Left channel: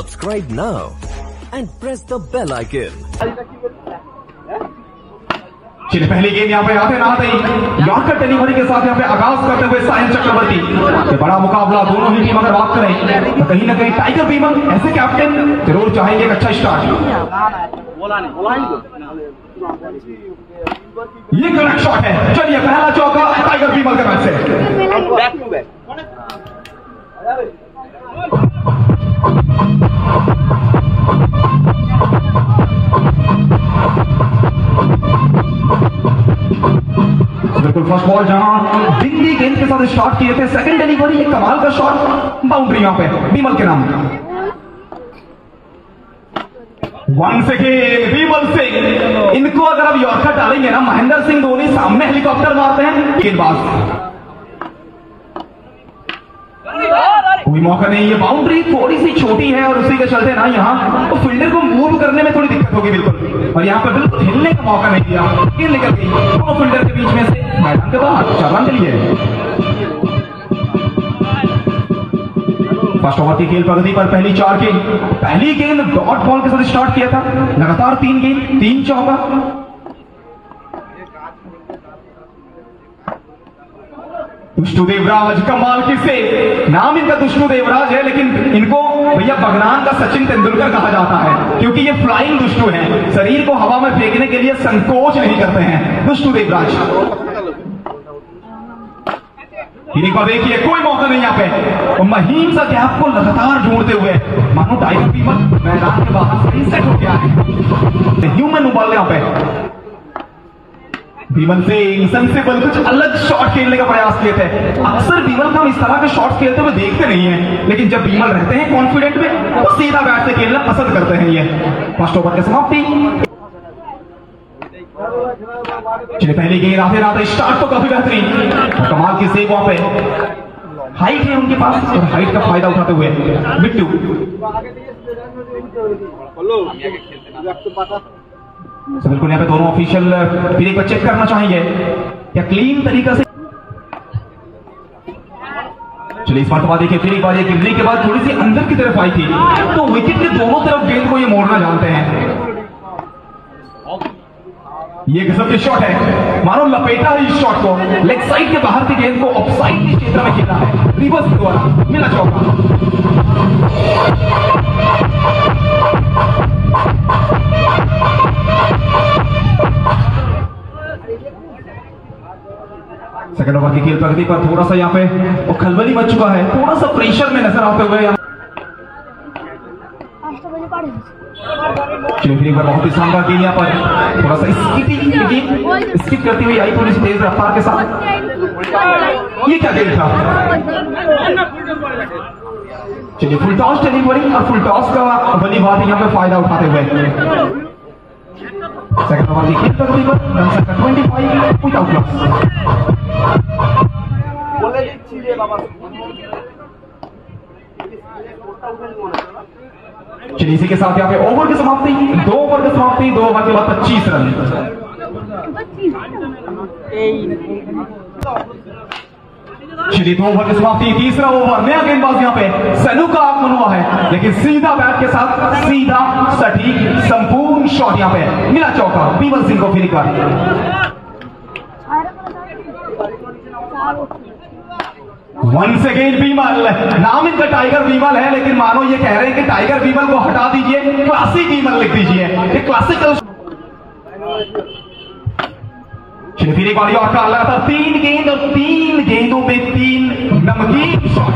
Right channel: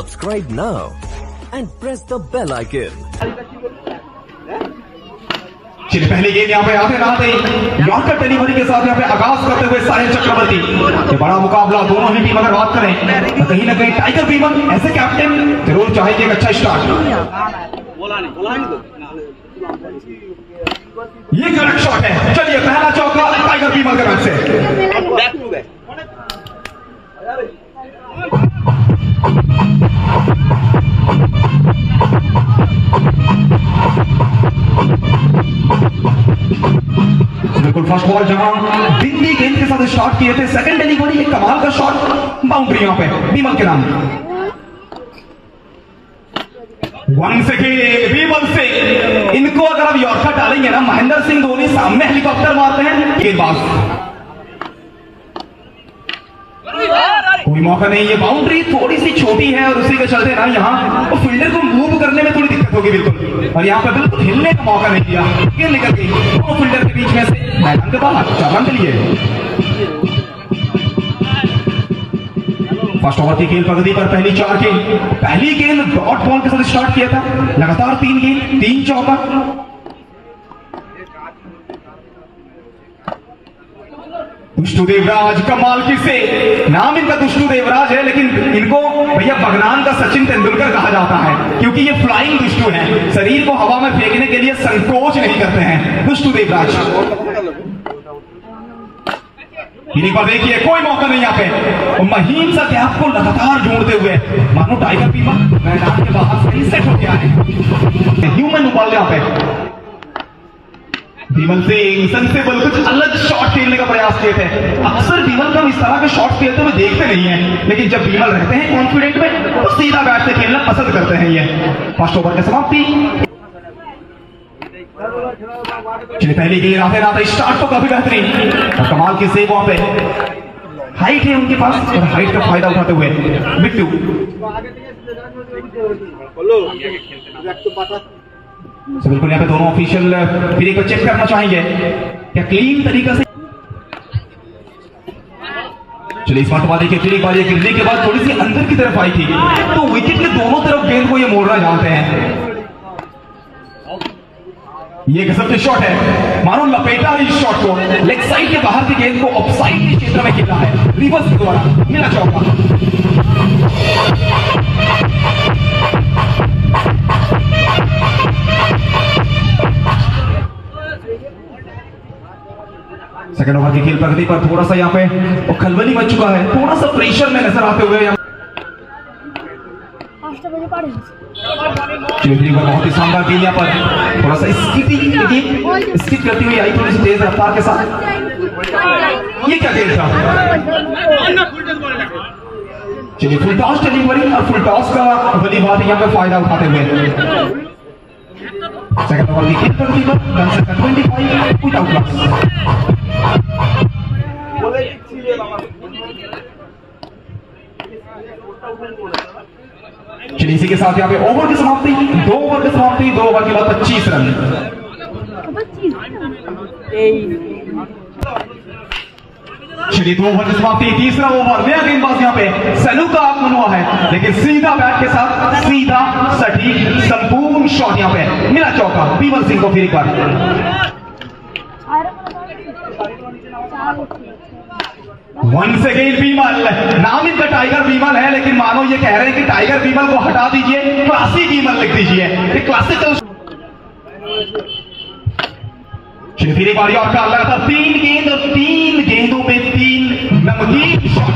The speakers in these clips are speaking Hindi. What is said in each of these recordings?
Subscribe now and press the bell icon. चलिए पहली गेंद यहाँ पे आते आते यॉर्कर डिलीवरी के साथ यहाँ पे आगाज करते हुए साहिल चक्रवर्ती। ये बड़ा मुकाबला दोनों ही टीम अगर बात करें तो कहीं ना कहीं टाइगर बीमल ऐसे कैप्टन जरूर चाहेंगे एक अच्छा स्टार्ट। ये करेक्ट शॉट है। चलिए पहला चौका टाइगर बीमल के तरफ से। बिल्कुल फर्स्ट बॉल जहां बिंदी गेंद के साथ शॉट किए थे, सेकंड डिलीवरी एक कमाल का शॉट बाउंड्री यहां पे बीमल के नाम। वन सेकेंड बीमल सिंह, इनको अगर अब यॉर्कर डालेंगे ना महेंद्र सिंह धोनी सामने हेलीकॉप्टर मारते हैं गेंदबाज। कोई मौका नहीं, ये बाउंड्री थोड़ी सी छोटी है और उसी के चलते ना यहाँ तो फील्डर को मूव करने में थोड़ी दिक्कत होगी बिल्कुल, और यहाँ पे बिल्कुल हिलने का मौका नहीं दिया। गेंद निकल गई दोनों फील्डर के बीच में से मैदान के बाहर, 4 रन के लिए। फर्स्ट ओवर की खेल प्रगति पर पहली 4 गेंद, पहली गेंद डॉट बॉल के साथ स्टार्ट किया था, लगातार 3 गेंद 3 चौका। दुष्टू देवराज कमाल की से नाम इनका दुष्टू देवराज है, लेकिन इनको भैया भगवान का सचिन तेंदुलकर कहा जाता है क्योंकि ये फ्लाइंग दुष्टू हैं, शरीर को हवा में फेंकने के लिए संकोच नहीं करते हैं दुष्टू देवराज। इन्हीं को देखिए कोई मौका नहीं यहाँ पे, और महीन सा गैप को लगातार जोड़ते हुए मानो टाइगर बीमल मैदान के बाहर सही सेट हो गया है। ह्यूमन बॉल यहाँ पे बीमल सिंह सेंसिबल कुछ अलग शॉट खेलने का प्रयास किए थे। अक्सर बीमल को इस तरह के शॉट खेलते हुए देखते नहीं है, लेकिन जब बीमल रहते हैं कॉन्फिडेंट में तो सीधा बैट से खेलना पसंद करते हैं। ये फर्स्ट ओवर की समाप्ति। पहली गेंद आते आते स्टार्ट तो काफी बेहतरीन, कमाल की सेव वहां पे, हाइट है उनके पास और हाइट का फायदा उठाते हुए बिट्टू। बिल्कुल यहाँ पे दोनों ऑफिशियल फिर एक बार चेक करना चाहेंगे क्या क्लीन तरीका से। चलिए इस बार देखिए फिर एक बार गिरने के बाद थोड़ी सी अंदर की तरफ आई थी, तो विकेट के दोनों तरफ गेंद को ये मोड़ना जानते हैं। ये गजब के शॉट है, मानो लपेटा है इस शॉट को, लेग साइड के बाहर की गेंद को ऑफ साइड के क्षेत्र में खेला है, रिवर्स द्वारा मिला चौका। सेकेंड ओवर की खेल प्रगति पर थोड़ा सा यहाँ पे खलबली मच चुका है, थोड़ा सा प्रेशर में नजर आते हुए बहुत ही शानदार गेंद यहाँ पर, थोड़ा सा स्किप करती हुई आई थोड़ी सी तेज रफ्तार के साथ। ये क्या गेंद था? चलिए फुल टॉस डिलीवरी और फुल टॉस का भली भांति यहाँ पे फायदा उठाते हुए सेकंड ओवर की खेल प्रगति पर 25 विदाउट लॉस। चलिए इसी के साथ यहाँ पे ओवर की समाप्ति, 2 ओवर की समाप्ति, 2 ओवर के बाद 25 रन। चलिए 2 ओवर की समाप्ति, तीसरा ओवर, नया गेंदबाज यहाँ पे सैलू का आगमन हुआ है, लेकिन सीधा बैट के साथ सीधा सटीक संपूर्ण शॉट यहाँ पे मिला चौका बीमल सिंह को। फिर वंस अगेन बीमल, नाम इनका टाइगर बीमल है, लेकिन मानो ये कह रहे हैं कि टाइगर बीमल को हटा दीजिए, क्लासिक बीमल लिख दीजिए, एक क्लासिकल। फिर बारी और का लगातार 3 गेंद और 3 गेंदों पे 3 नमकीन शॉट।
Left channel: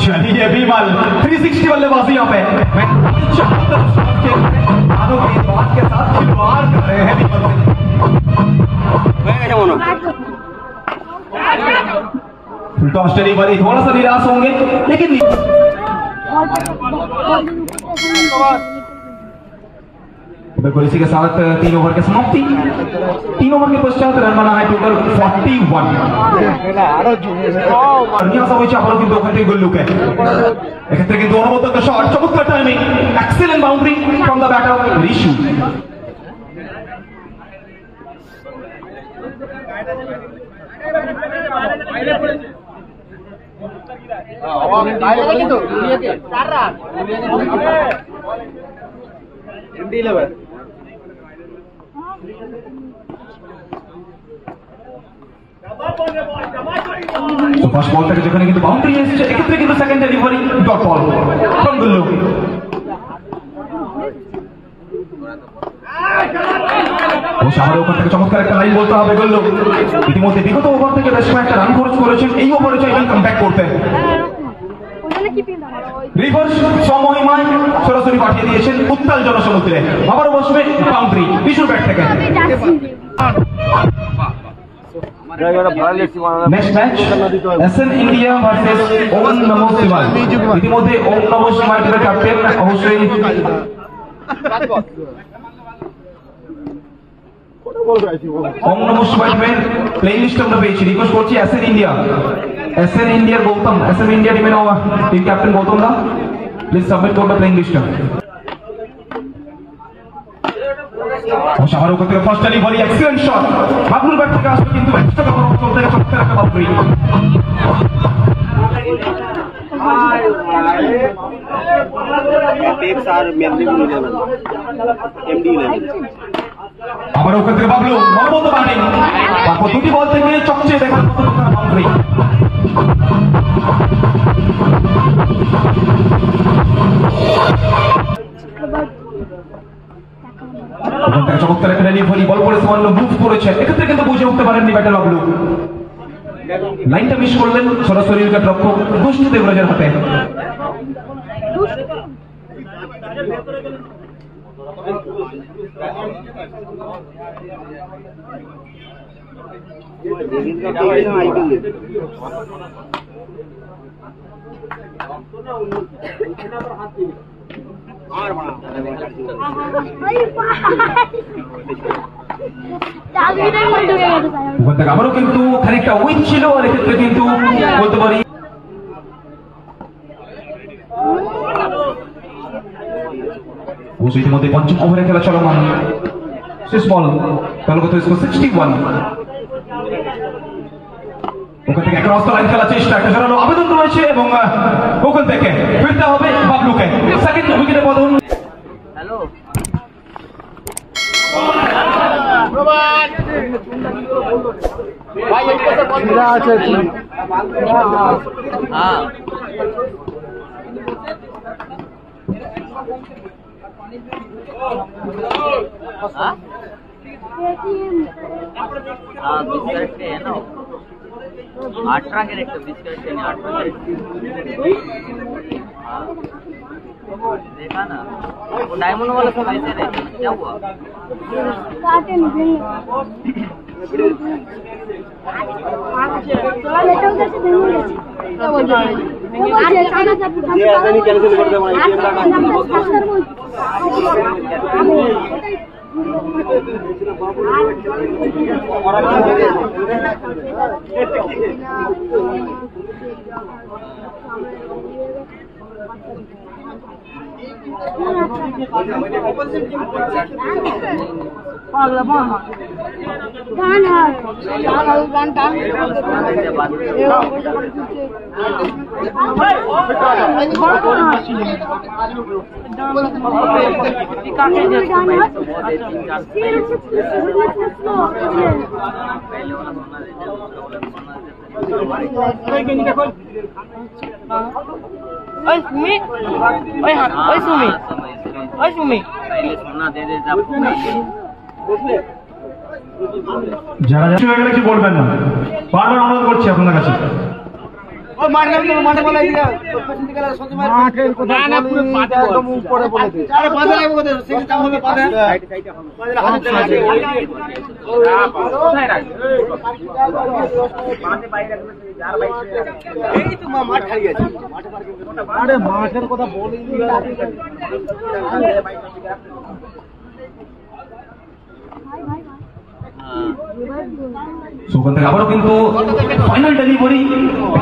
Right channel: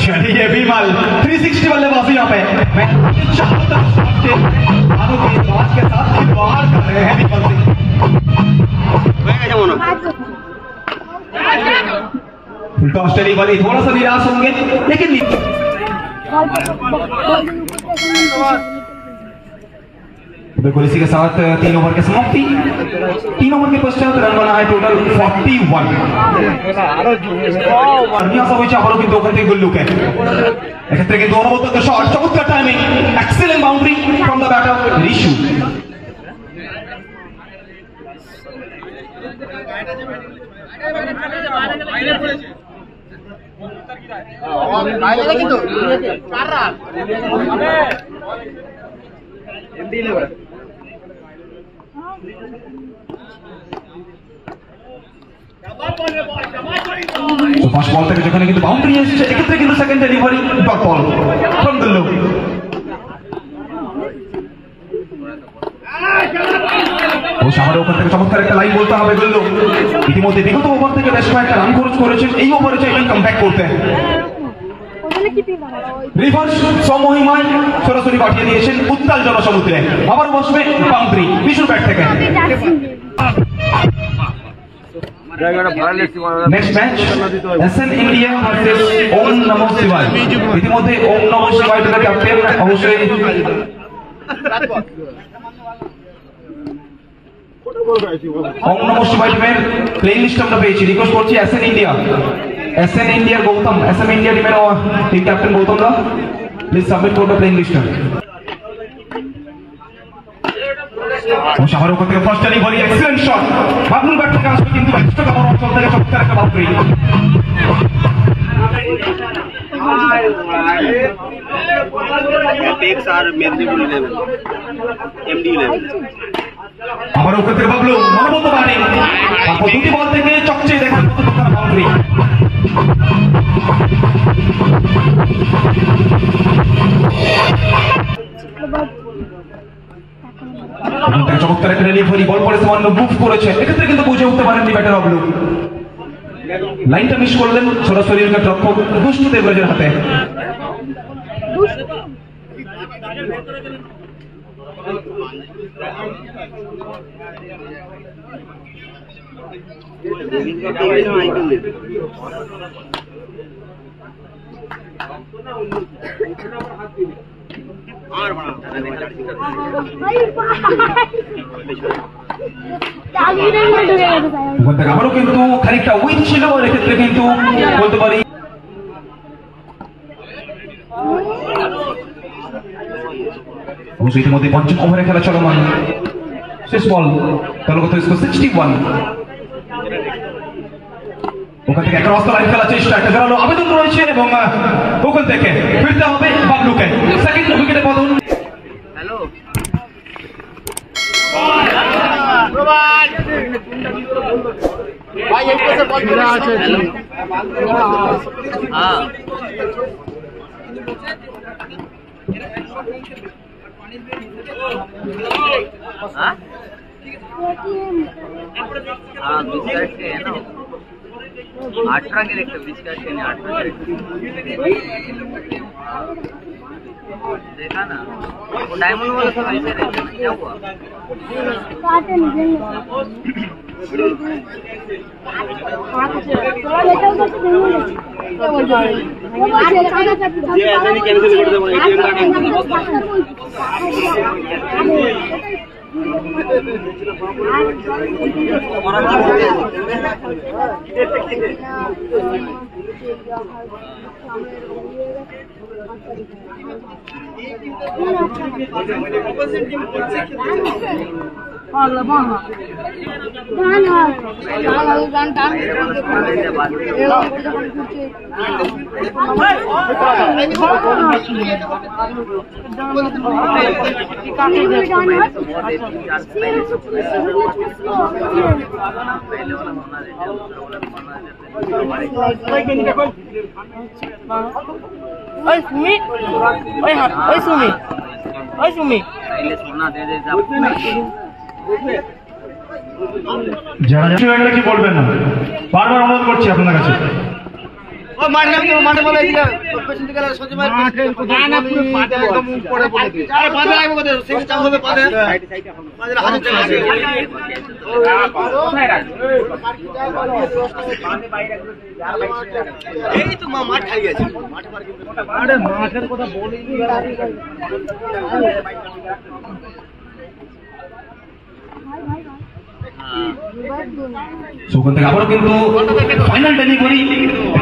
चलिए बीमल 360 बल्लेबाजी यहाँ पे के साथ खिलवाड़ कर रहे हैं Bimal Singh. Full toss delivery, थोड़ा सा निराश होंगे लेकिन बिल्कुल इसी के साथ 3 ओवर की समाप्ति। 3 ओवर के पश्चात रन बना है टोटल 41। की 2 घंटे गुल्लू के दोनों शॉट, चमत्कार timing, excellent boundary from the batter ইস্যু। ফার্স্ট বল থেকে যেখানে কিন্তু বাউন্ডারি এসেছে, এক্ষেত্রে কিন্তু second delivery dot ball from Gullu. ওখান থেকে চমৎকার একটা লাইন বলতে হবে গুল্লু। ইতিমধ্যে বিগত ওভার থেকে বেশ কয়েকটা রান খরচ করেছেন, এই ওভারে চাইবেন কামব্যাক করতে। রিভার্স সমহিমায় সরাসরি পাঠিয়ে দিয়েছেন উত্তাল জনসমুদ্রে। আবারও বসবে বাউন্ডারি বিশুর ব্যাট থেকে। Next match SN India versus Om Namo Shivay. ইতিমধ্যে ওম নমো শিবায় টিমের ক্যাপ্টেন অবশ্যই ওম নমো শিবায় টিমের প্লেইং লিস্ট আমরা পেয়েছি। রিকোয়েস্ট করছি এসএন ইন্ডিয়ার গৌতম, এসএন ইন্ডিয়া টিমের team captain Gautam da please submit করুন প্লেইং লিস্টটা। শাহরুখ থেকে ফার্স্ট ডেলিভারি এক্সিলেন্ট শট, বাবলুর ব্যাট থেকে আসবে কিন্তু এক্সট্রা কভার অঞ্চল থেকে চমৎকার একটা বাউন্ডারি। আবার ওখান থেকে বাবলু মনোবন্ধ ব্যাটিং, তারপর দুটি বল থেকে চকচে দেখুন বাউন্ডারি। চমৎকার একটা ডেলিভারি, বল করে সামান্য মুভ করেছেন, এক্ষেত্রে কিন্তু বুঝে উঠতে পারেননি ব্যাটার বাবলু। লাইনটা মিস করলেন সরাসরি উইকেট রক্ষক দুষ্টু দেবরাজের হাতে। আবারও কিন্তু খানিকটা উইক ছিল, এক্ষেত্রে কিন্তু বলতে পারি ইতিমধ্যে পঞ্চম ওভারে খেলা চলমান। শেষ বল, দলগত স্কোর 61। ওখান থেকে একটা রাস্তা লাইন খেলার চেষ্টা, একটা জোরালো আবেদন রয়েছে এবং ওখান থেকে ফিরতে হবে বাবলুকে। সেকেন্ড উইকেটে পতন। হ্যালো ভাই, এই পাশে বল আছে। হ্যাঁ हाँ 20 कैरेट के है ना, 18 कैरेट का 20 कैरेट के नहीं 18 कैरेट। हाँ देखा ना, वो डायमंड वाला सब ऐसे रहते ना, क्या हुआ? ये ऐसा नहीं कैंसिल कर दे, एटीएम कार्ड पहले वाला सोना देते, दूसरा वाला सोना देते। पहले सोना दे देते आपको। যারা কি বলবেন না, বারবার অনুরোধ করছি আপনার কাছে। মাঠের কথা বলিনি। ওখান থেকে আবারও কিন্তু ফাইনাল ডেলিভারি,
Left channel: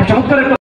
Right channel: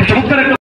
চমৎকার একটা